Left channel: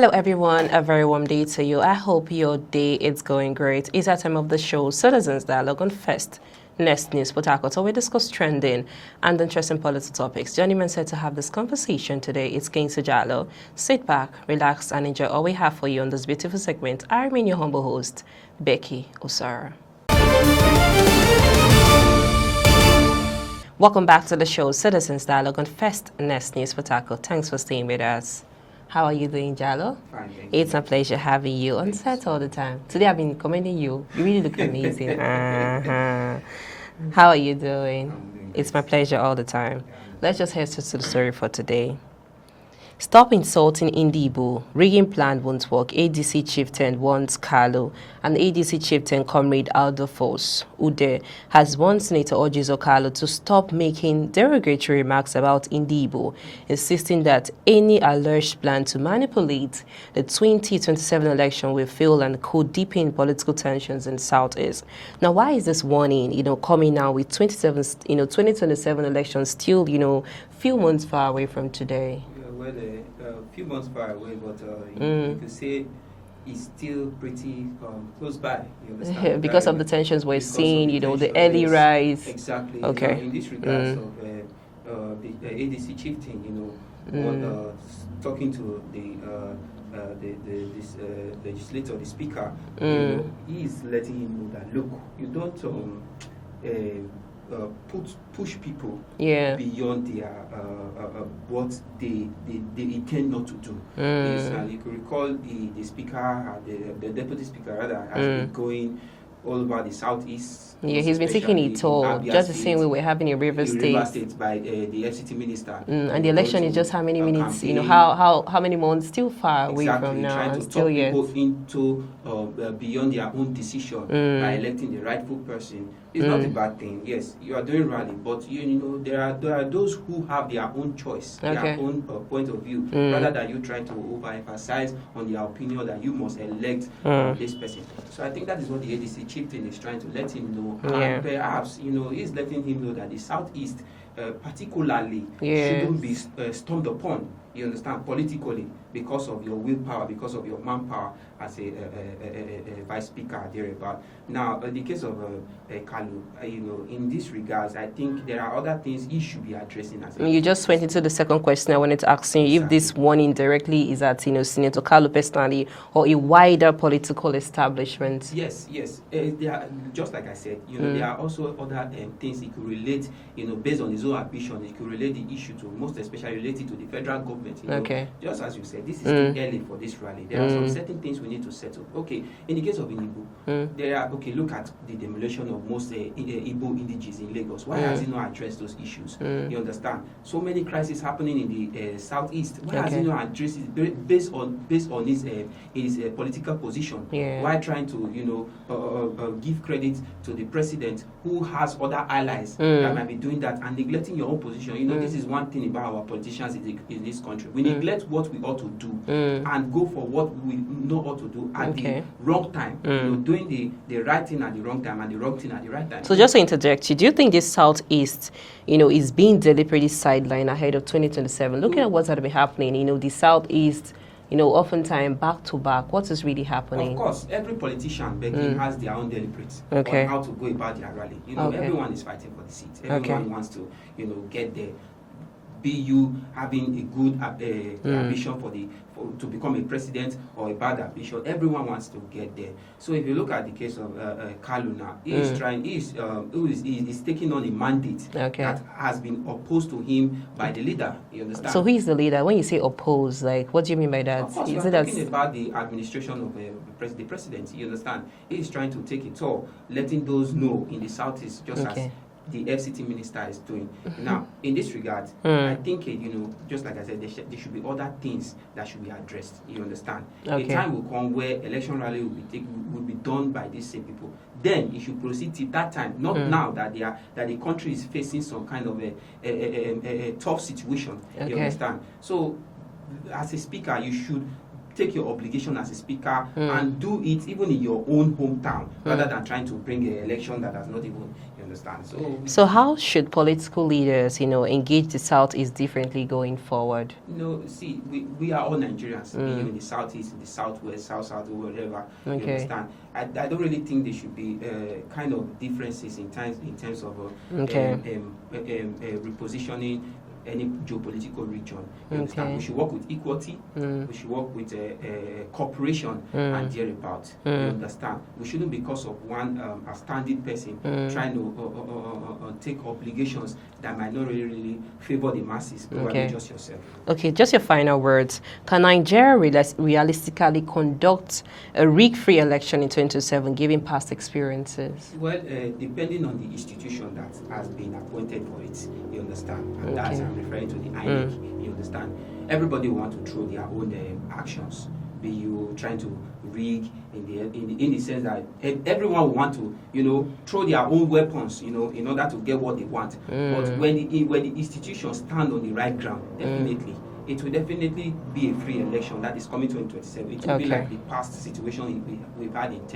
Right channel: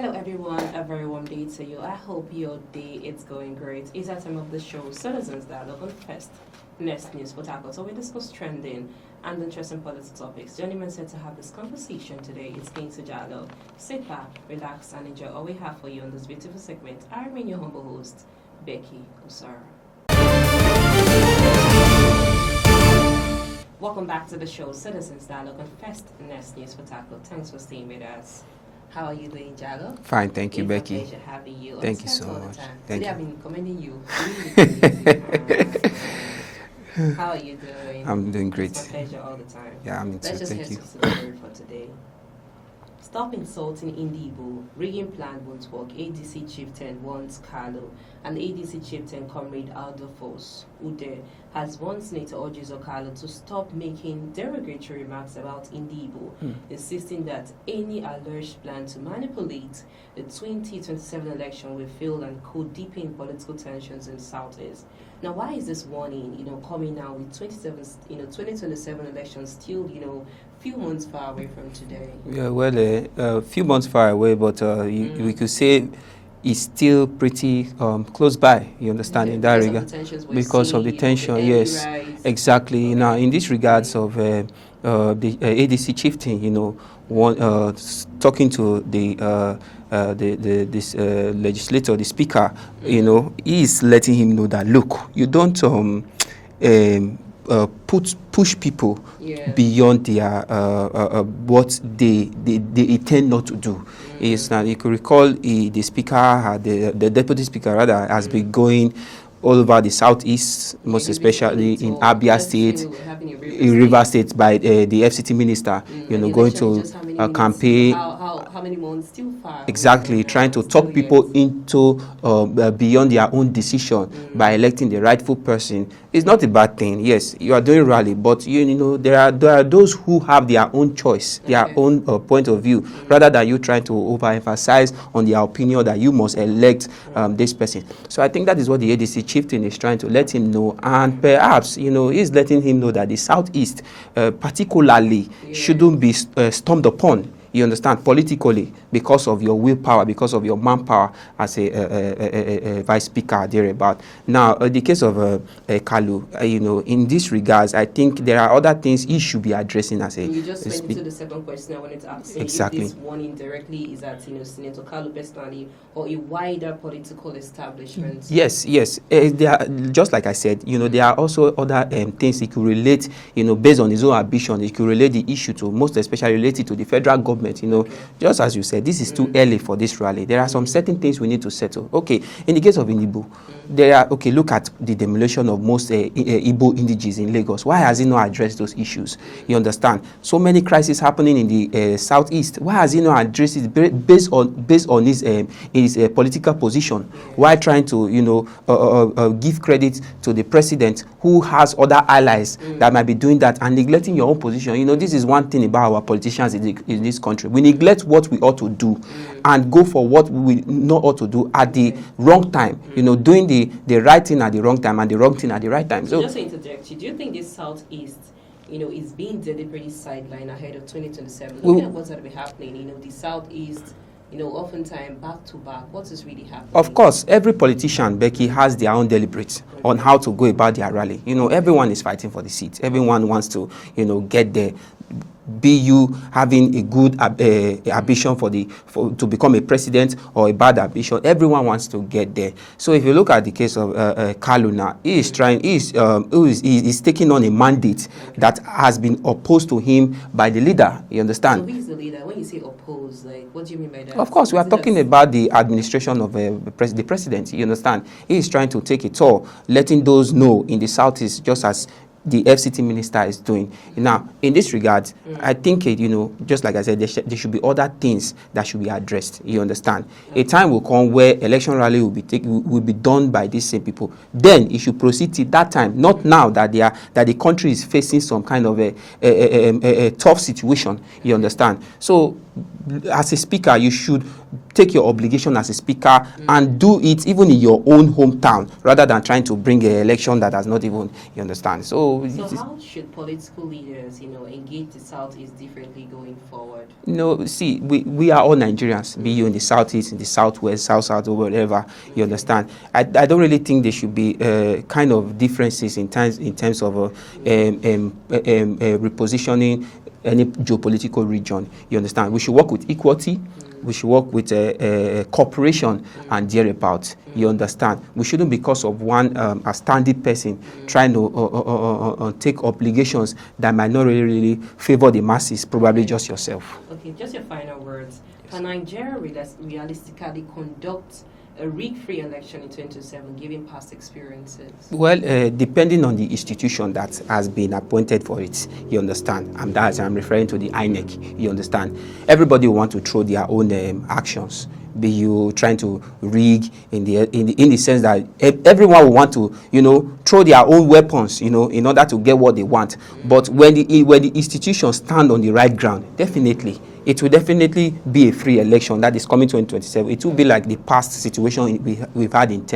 Hello everyone, a very warm day to you. I hope your day is going great. It's that time of the show, Citizens Dialogue on First Next News Port Harcourt. So we discuss trending and interesting political topics. Joining me said to have this conversation today is Kingsley Jallo. Sit back, relax, and enjoy all we have for you on this beautiful segment. I remain your humble host, Becky Osara. Welcome back to the show, Citizens Dialogue on First Next News Port Harcourt. Thanks for staying with us. How are you doing, Jallo? Fine, thank you, It's Becky. a pleasure having you on set so all the much. time. Thank Today I've been commending you. You really look amazing. How are you doing? I'm doing great. It's my pleasure all the time. Yeah, Let's just head to the story for today. Stop insulting Ndigbo. Rigging plan won't work. ADC chieftain wants Kalu. And ADC chieftain Comrade Aldo Force Ude has warned Senator Ojizo Kalu to stop making derogatory remarks about Ndigbo, insisting that any alleged plan to manipulate the 2027 election will fail and could deepen political tensions in the Southeast. Now, why is this warning, coming now with 2027 elections still, few months far away from today? Yeah, well, a few months far away, but we could say it's still pretty close by. You understand? Yeah, because of the tensions we're seeing, the early rise. Exactly. Okay. Now, in this regards of the ADC chieftain, talking to this legislator, the speaker, he's letting him know that, look, you don't push people beyond their what they intend not to do. Now you could recall the speaker, the deputy speaker rather, has been going all over the southeast, most especially in Abia State, we were having in River State by the FCT minister. And the election going to is just how many minutes, campaign. How many months still far away Exactly, from trying now, to talk people into beyond their own decision by electing the rightful person. It's not a bad thing. Yes, you are doing rally, but there are those who have their own choice, their own point of view, rather than you trying to overemphasize on their opinion that you must elect this person. So I think that is what the ADC chieftain is trying to let him know, and perhaps he's letting him know that the Southeast, particularly, shouldn't be stormed upon. You understand, politically, because of your willpower, because of your manpower as a vice speaker thereabout. Now, the case of Kalu, in this regards, I think there are other things he should be addressing as a. You just went into the second question I wanted to ask you. Exactly. If this warning directly is at Senator Kalu personally or a wider political establishment. Yes. There are, just like I said, there are also other things he could relate, based on his own ambition. He could relate the issue to, most especially related to the federal government. Just as you said, this is too early for this rally. There are some certain things we need to settle. Okay, in the case of Ndigbo, there are, look at the demolition of most Igbo indigenes in Lagos. Why has he not addressed those issues? You understand? So many crises happening in the southeast. Why has he not addressed it based on his political position? Why trying to give credit to the president who has other allies that might be doing that and neglecting your own position? This is one thing about our politicians in this country. We neglect what we ought to do and go for what we not ought to do at the wrong time. Doing the right thing at the wrong time and the wrong thing at the right time. So just to interject you, do you think this Southeast, is being deliberately sidelined ahead of 2027? Looking at what's going to be happening, the Southeast, oftentimes back to back, what is really happening? Of course, every politician, Becky, has their own deliberates on how to go about their rally. Everyone is fighting for the seat. Everyone wants to, get there. Be you having a good ambition to become a president or a bad ambition, everyone wants to get there. So if you look at the case of Kalu now, he's taking on a mandate that has been opposed to him by the leader. You understand? So who is the leader? When you say oppose, what do you mean by that? Of course, we are talking about the administration of the president. You understand? He is trying to take it all, letting those know in the Southeast, just as the FCT minister is doing. Now, in this regard, I think, just like I said, there should be other things that should be addressed. You understand? A time will come where election rally will be done by these same people. Then it should proceed till that time, not now that the country is facing some kind of a tough situation. You understand? So, as a speaker, you should take your obligation as a speaker and do it even in your own hometown, rather than trying to bring an election that has not even, you understand. So how should political leaders, engage the Southeast differently going forward? See, we are all Nigerians, be you in the Southeast, in the Southwest, South, or whatever, you understand. I don't really think there should be kind of differences in terms of repositioning any geopolitical region, you understand. We should work with equity, we should work with cooperation and thereabout, you understand. We shouldn't, because of one a standing person trying to take obligations that might not really favor the masses, probably just yourself. Okay, just your final words. Can Nigeria realistically conduct a rig-free election in 2027, given past experiences? Well, depending on the institution that has been appointed for it, you understand, and that's I'm referring to the INEC, you understand. Everybody will want to throw their own actions, be you trying to rig in the sense that everyone will want to, throw their own weapons, in order to get what they want. But when the institutions stand on the right ground, definitely, it will definitely be a free election that is coming 2027. It will be like the past situation we've had in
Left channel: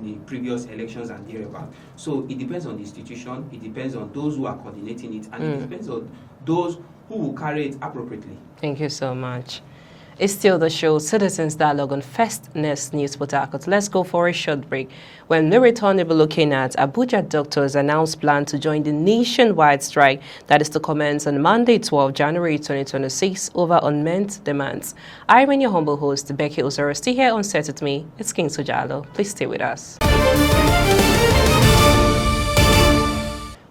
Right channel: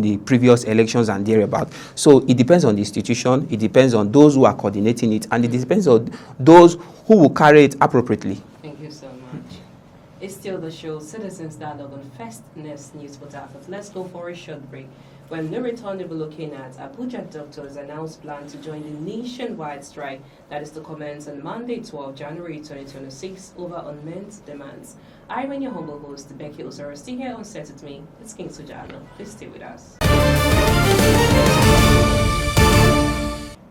the previous elections and thereabout. So it depends on the institution, it depends on those who are coordinating it, and it depends on those who will carry it appropriately. Thank you so much. It's still the show Citizens Dialogue on Fastness News Port Harcourt. Let's go for a short break. When we return, we'll be looking at Abuja doctors announced plan to join the nationwide strike that is to commence on Monday, 12 January 2026 over unmet demands. I am your humble host, Becky Usoro. Stay here on set with me. It's King Sojalo. Please stay with us.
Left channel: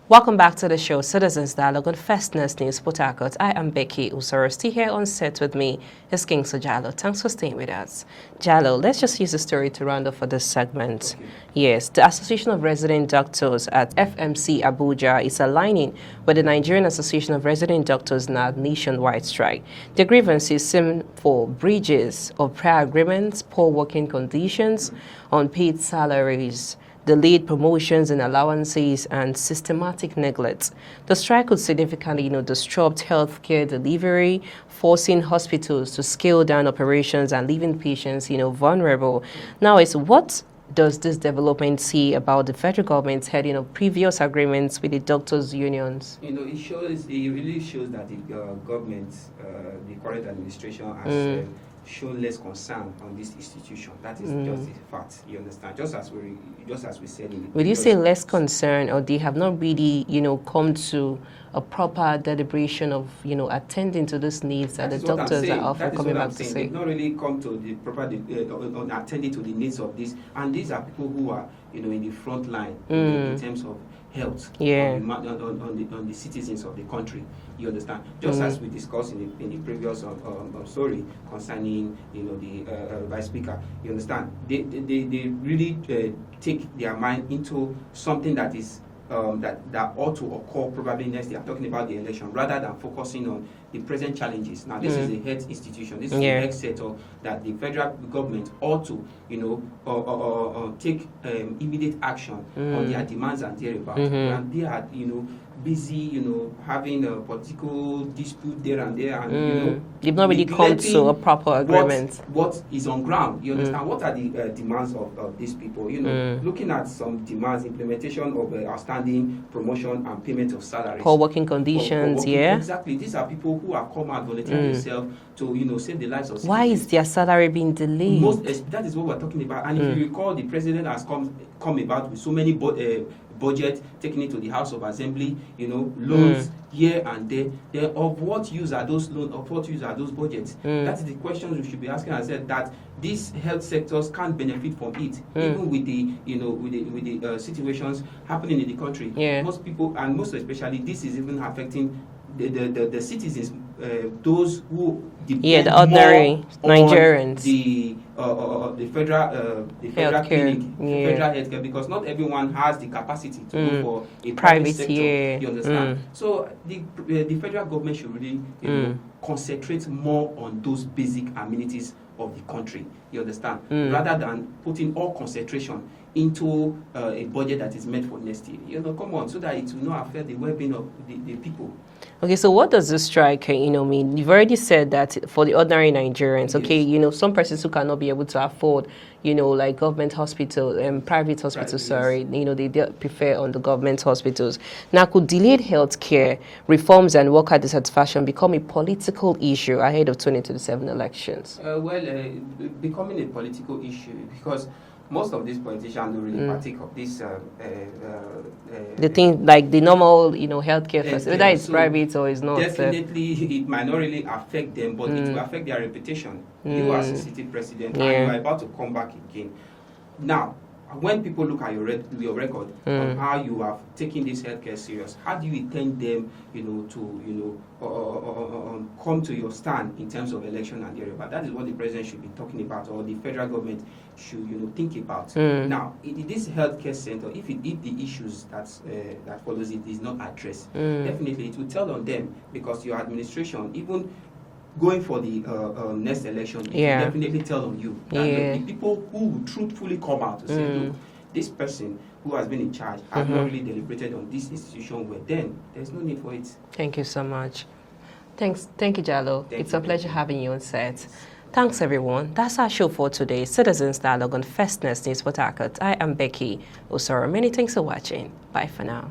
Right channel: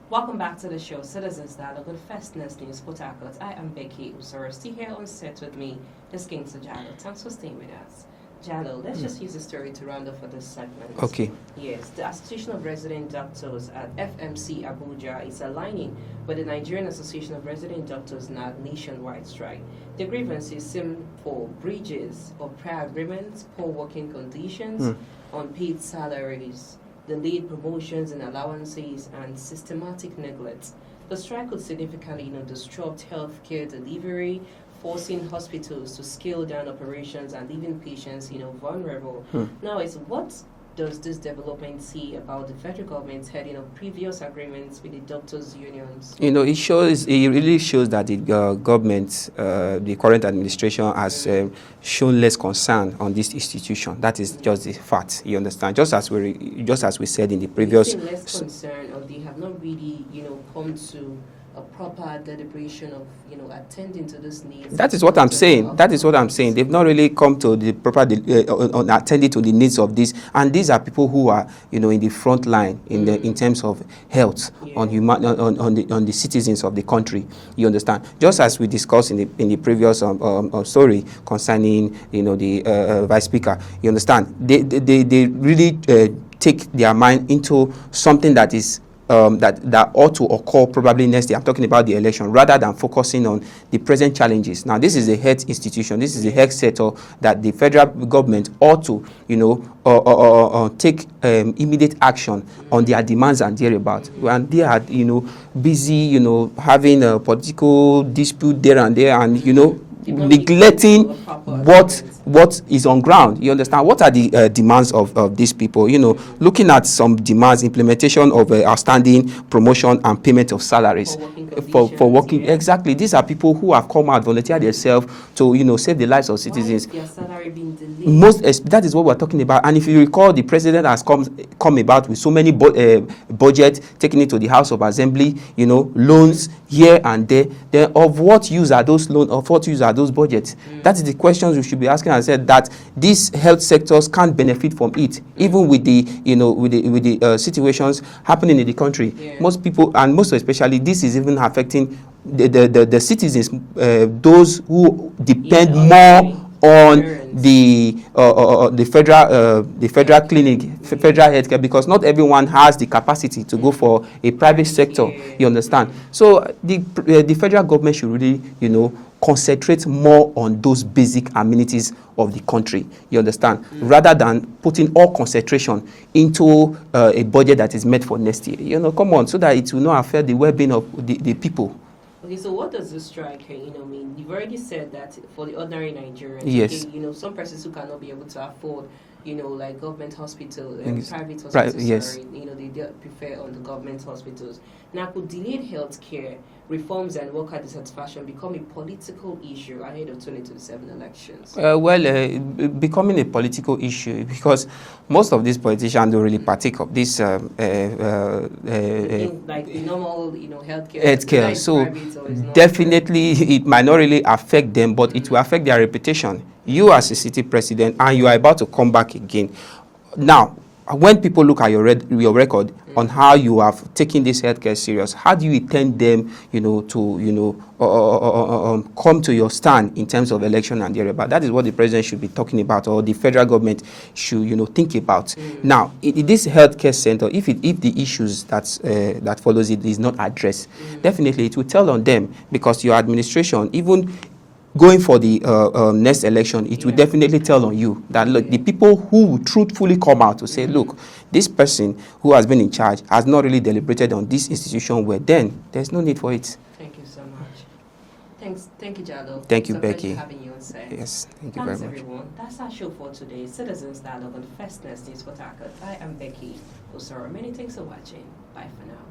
Welcome back to the show, Citizens Dialogue on Fastness News Port Harcourt. I am Becky Usoro. Stay here on set with me. It's King Sojalo. Thanks for staying with us. Jalo, let's just use the story to round up for this segment. Okay. Yes, the Association of Resident Doctors at FMC Abuja is aligning with the Nigerian Association of Resident Doctors in our nationwide strike. The grievances seem for breaches of prior agreements, poor working conditions, unpaid salaries, delayed promotions and allowances, and systematic neglect. The strike could significantly, disrupt healthcare delivery, forcing hospitals to scale down operations and leaving patients, vulnerable. Now, what does this development say about the federal government's heading of previous agreements with the doctors' unions? It really shows that the government, the current administration, has shown less concern on this institution. That is just the fact. You understand? Just as we said in the previous. Would you say less concern, or they have not really, come to a proper deliberation of, attending to these needs? That is what I'm saying. That is what I'm saying. They've not really come to the proper attending to the needs of this. And these are people who are, in the front line in terms of health on the citizens of the country. You understand? Just as we discussed in the previous story concerning, the vice speaker. You understand? They really take their mind into something that is that ought to occur probably next year. I'm talking about the election, rather than focusing on the present challenges. Now, this is a health institution. This is a health sector that the federal government ought to, take immediate action on their demands and thereabouts. When they are, busy, having a political dispute there and there, and neglecting what is on ground. You understand? What are the demands of these people? Looking at some demands, implementation of outstanding promotion and payment of salaries. For working conditions. For working, exactly. These are people who have come out, volunteered themselves to, save the lives of citizens. Why is their salary being delayed? That is what we're talking about. And if you recall, the president has come about with so many budget taken into the House of Assembly, loans here and there. Then of what use are those loans? Of what use are those budgets? That is the questions we should be asking ourselves, that these health sectors can't benefit from it, even with the, with the situations happening in the country. Most people, and most especially, this is even affecting the citizens, those who depend more on the federal clinic, federal healthcare, because not everyone has the capacity to go for a private sector. You understand? So the federal government should really, concentrate more on those basic amenities of the country. You understand? Rather than putting all concentration into a budget that is meant for next year. Come on, so that it will not affect the well-being of the people. Okay, so what does this strike, mean? You've already said that for the ordinary Nigerians, Yes. okay, some persons who cannot be able to afford, like government hospital and private hospitals, sorry, yes. they prefer on the government hospitals. Now, could delayed health care reforms and worker dissatisfaction become a political issue ahead of 2027 elections? Becoming a political issue because most of these politicians don't really partake of this. The thing like the normal, healthcare, whether it's so private or it's not. Definitely, it might not really affect them, but it will affect their reputation. You as a city president, and you are about to come back again. Now, when people look at your record on how you have taken this healthcare serious, how do you intend them, to come to your stand in terms of election and thereabout? That is what the president should be talking about, or the federal government should, think about. Now, this healthcare center, if the issues that follows it is not addressed, definitely it will tell on them, because your administration, even going for the next election, it will definitely tell on you that look, the people who will truthfully come out to say, look, this person who has been in charge has not really deliberated on this institution, where then there's no need for it. Thank you so much. Thank you, Jalo. Thank you, It's a Becky. pleasure having you on set. Yes, Thanks, everyone. That's our show for today. Citizens Dialogue on First News Port Harcourt. I am Becky Osoro. Many thanks for watching. Bye for now.